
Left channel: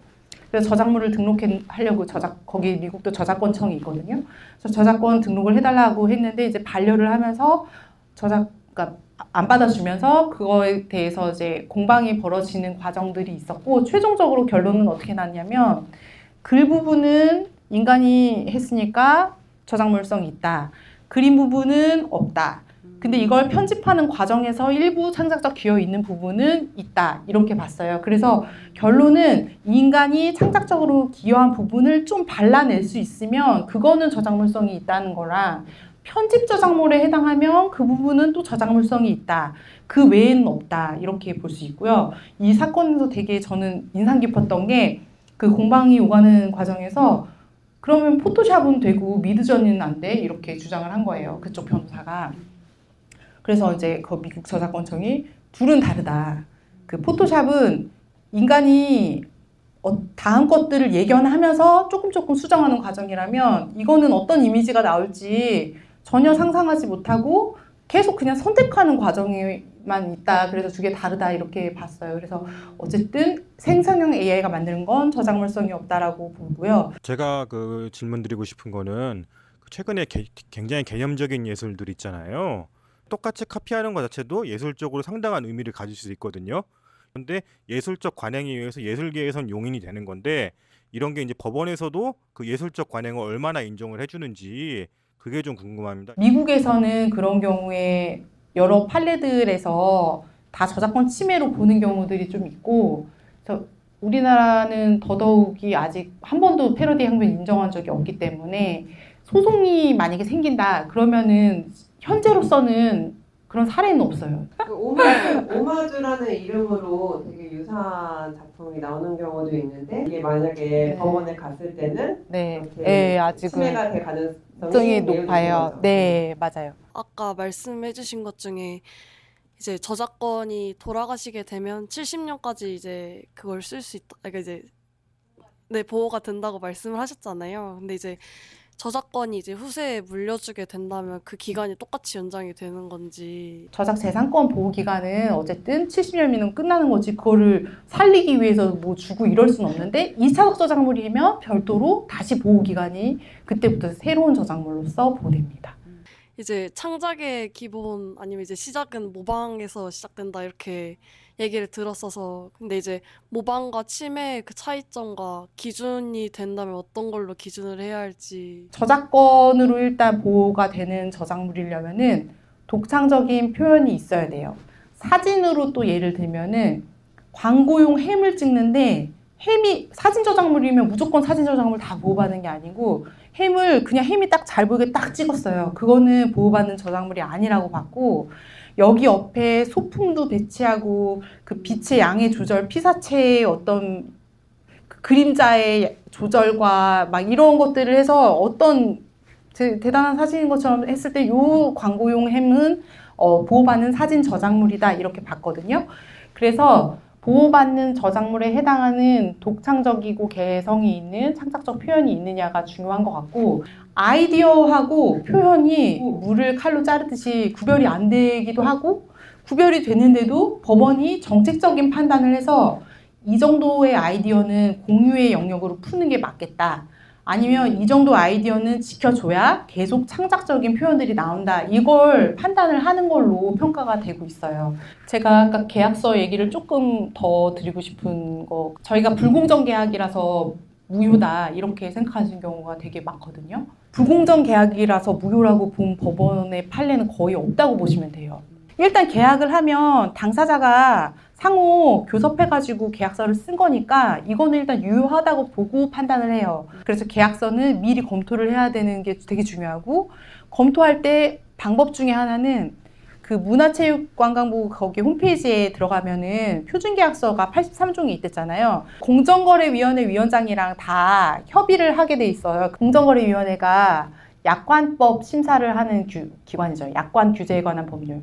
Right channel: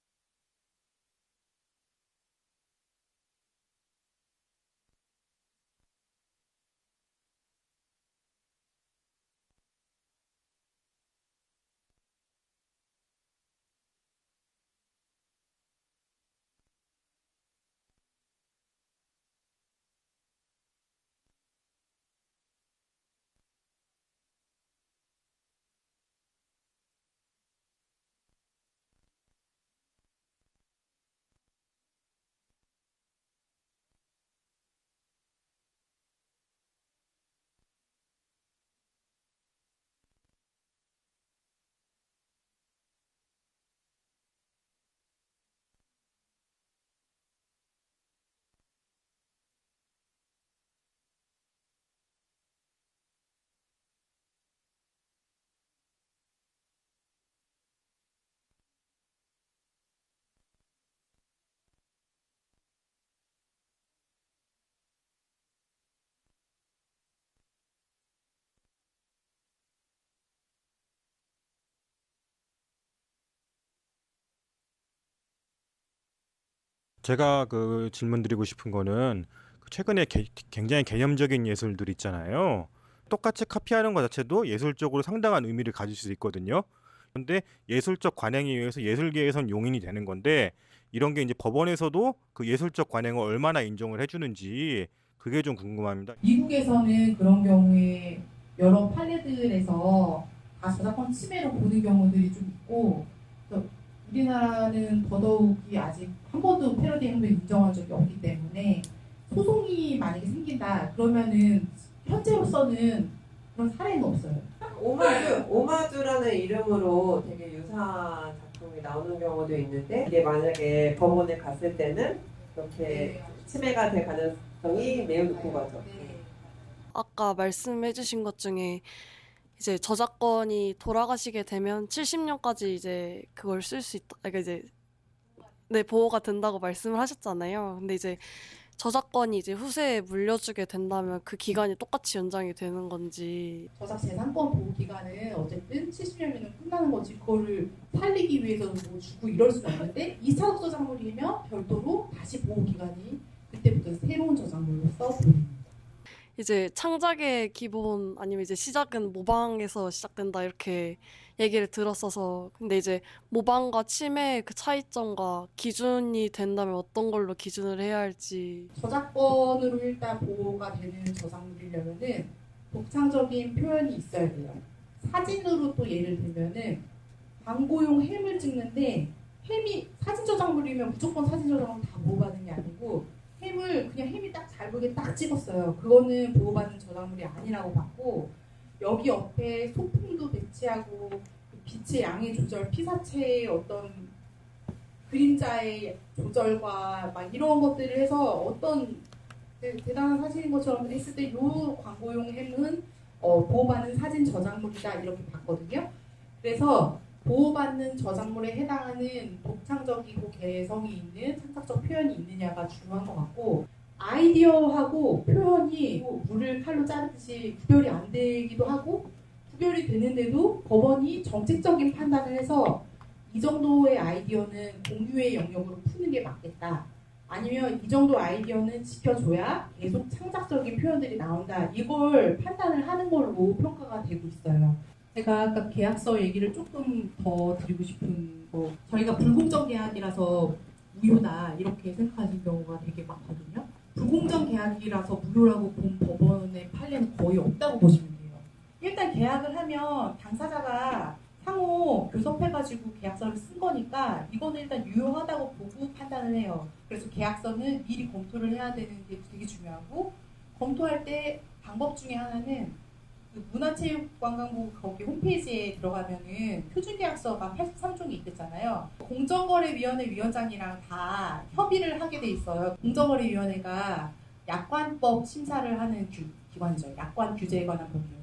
그래서 저작물을 등록하려고 거기 미국도 저작권청이 있거든요. 그래서 저작권 등록을 해달라고 했는데 이제 반려를 하면서 그러니까 안 받아주면서 그거에 대해서 이제 공방이 벌어지는 과정들이 있었고, 최종적으로 결론은 어떻게 났냐면 글 부분은 인간이 했으니까 저작물성이 있다. 그림 부분은 없다. 근데 이걸 편집하는 과정에서 일부 창작적 기여 있는 부분은 있다. 이렇게 봤어요. 그래서 결론은 인간이 창작적으로 기여한 부분을 좀 발라낼 수 있으면 그거는 저작물성이 있다는 거랑, 편집 저작물에 해당하면 그 부분은 또 저작물성이 있다. 그 외에는 없다. 이렇게 볼 수 있고요. 이 사건에서 되게 저는 인상 깊었던 게, 그 공방이 오가는 과정에서 그러면 포토샵은 되고 미드저니는 안 돼? 이렇게 주장을 한 거예요. 그쪽 변호사가. 그래서 이제 그 미국 저작권청이 둘은 다르다. 그 포토샵은 인간이 다음 것들을 예견하면서 조금 수정하는 과정이라면, 이거는 어떤 이미지가 나올지 전혀 상상하지 못하고 계속 그냥 선택하는 과정에만 있다. 그래서 두 개 다르다 이렇게 봤어요. 그래서 어쨌든 생성형 AI가 만드는 건 저작물성이 없다라고 보고요. 제가 그 질문 드리고 싶은 거는, 최근에 굉장히 개념적인 예술들 있잖아요. 똑같이 카피하는 것 자체도 예술적으로 상당한 의미를 가질 수 있거든요. 그런데 예술적 관행에 의해서 예술계에선 용인이 되는 건데, 이런 게 이제 법원에서도 그 예술적 관행을 얼마나 인정을 해주는지 그게 좀 궁금합니다. 미국에서는 그런 경우에 여러 판례들에서 다 저작권 침해로 보는 경우들이 좀 있고, 우리나라는 더더욱이 아직 한 번도 패러디 행위를 인정한 적이 없기 때문에 소송이 만약에 생긴다 그러면은 현재로서는 그런 사례는 없어요. 오마주라는 이름으로 되게 유사한 작품이 나오는 경우도 있는데, 이게 만약에 법원에 갔을 때는 네, 아직은 침해가 될 가능성이 성이 높아요. 네, 맞아요. 아까 말씀해주신 것 중에 이제 저작권이 돌아가시게 되면 70년까지 이제 그걸 쓸 수 있다. 그러니까 이제 보호가 된다고 말씀을 하셨잖아요. 근데 이제 저작권이 이제 후세에 물려주게 된다면 그 기간이 똑같이 연장이 되는 건지. 저작재산권 보호 기간은 어쨌든 70년이면 끝나는 거지, 그거를 살리기 위해서 뭐 주고 이럴 수는 없는데, 2차적 저작물이면 별도로 다시 보호 기간이 그때부터 새로운 저작물로서 보호됩니다. 이제 창작의 기본 아니면 이제 시작은 모방에서 시작된다 이렇게 얘기를 들었어서, 근데 이제 모방과 침해의 그 차이점과 기준이 된다면 어떤 걸로 기준을 해야 할지. 저작권으로 일단 보호가 되는 저작물이려면은 독창적인 표현이 있어야 돼요. 사진으로 또 예를 들면은 광고용 햄을 찍는데, 햄이 사진 저작물이면 무조건 사진 저작물 다 보호받는 게 아니고, 햄을 그냥 햄이 딱 잘 보이게 딱 찍었어요. 그거는 보호받는 저작물이 아니라고 봤고, 여기 옆에 소품도 배치하고 그 빛의 양의 조절, 피사체의 어떤 그 그림자의 조절과 막 이런 것들을 해서 어떤 대단한 사진인 것처럼 했을 때, 요 광고용 햄은 보호받는 사진 저작물이다 이렇게 봤거든요. 그래서 보호받는 저작물에 해당하는 독창적이고 개성이 있는 창작적 표현이 있느냐가 중요한 것 같고, 아이디어하고 표현이 물을 칼로 자르듯이 구별이 안 되기도 하고, 구별이 되는데도 법원이 정책적인 판단을 해서 이 정도의 아이디어는 공유의 영역으로 푸는 게 맞겠다, 아니면 이 정도 아이디어는 지켜줘야 계속 창작적인 표현들이 나온다, 이걸 판단을 하는 걸로 평가가 되고 있어요. 제가 아까 계약서 얘기를 조금 더 드리고 싶은 거, 저희가 불공정 계약이라서 무효다 이렇게 생각하시는 경우가 되게 많거든요. 불공정 계약이라서 무효라고 본 법원의 판례는 거의 없다고 보시면 돼요. 일단 계약을 하면 당사자가 상호 교섭해가지고 계약서를 쓴 거니까 이거는 일단 유효하다고 보고 판단을 해요. 그래서 계약서는 미리 검토를 해야 되는 게 되게 중요하고, 검토할 때 방법 중에 하나는 그 문화체육관광부 거기 홈페이지에 들어가면은 표준계약서가 83종이 있댔잖아요. 공정거래위원회 위원장이랑 다 협의를 하게 돼 있어요. 공정거래위원회가 약관법 심사를 하는 기관이죠. 약관 규제에 관한 법률.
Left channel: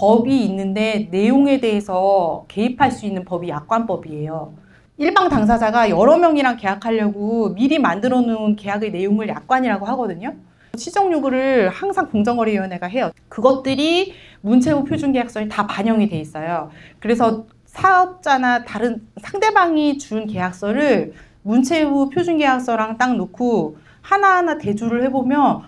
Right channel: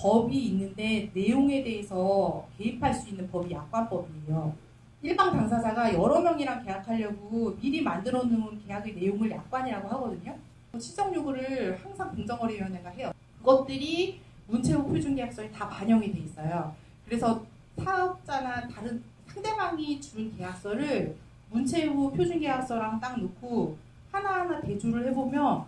법이 있는데 내용에 대해서 개입할 수 있는 법이 약관법이에요. 일방 당사자가 여러 명이랑 계약하려고 미리 만들어 놓은 계약의 내용을 약관이라고 하거든요. 시정 요구를 항상 공정거래위원회가 해요. 그것들이 문체부 표준계약서에 다 반영이 돼 있어요. 그래서 사업자나 다른 상대방이 준 계약서를 문체부 표준계약서랑 딱 놓고 하나하나 대조를 해보면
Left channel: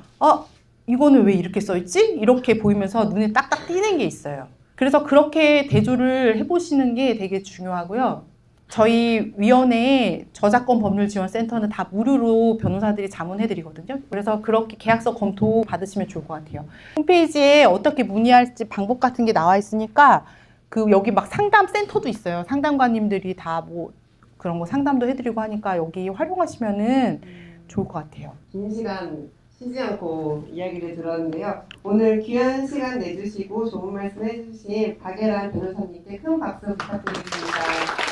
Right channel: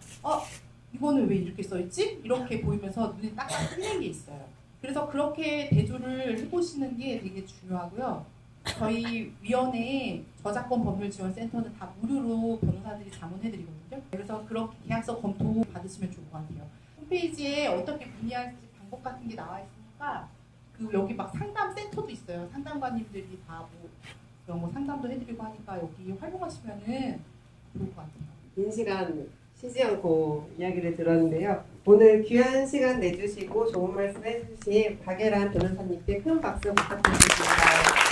이거는 왜 이렇게 써있지? 이렇게 보이면서 눈에 딱딱 띄는 게 있어요. 그래서 그렇게 대조를 해보시는 게 되게 중요하고요. 저희 위원회에 저작권 법률지원센터는 다 무료로 변호사들이 자문해드리거든요. 그래서 그렇게 계약서 검토 받으시면 좋을 것 같아요. 홈페이지에 어떻게 문의할지 방법 같은 게 나와 있으니까 여기 막 상담센터도 있어요. 상담관님들이 다 뭐 그런 거 상담도 해드리고 하니까 여기 활용하시면은 좋을 것 같아요. 긴 시간 쉬지 않고 이야기를 들었는데요. 오늘 귀한 시간 내주시고 좋은 말씀 해주신 박예란 변호사님께 큰 박수 부탁드립니다.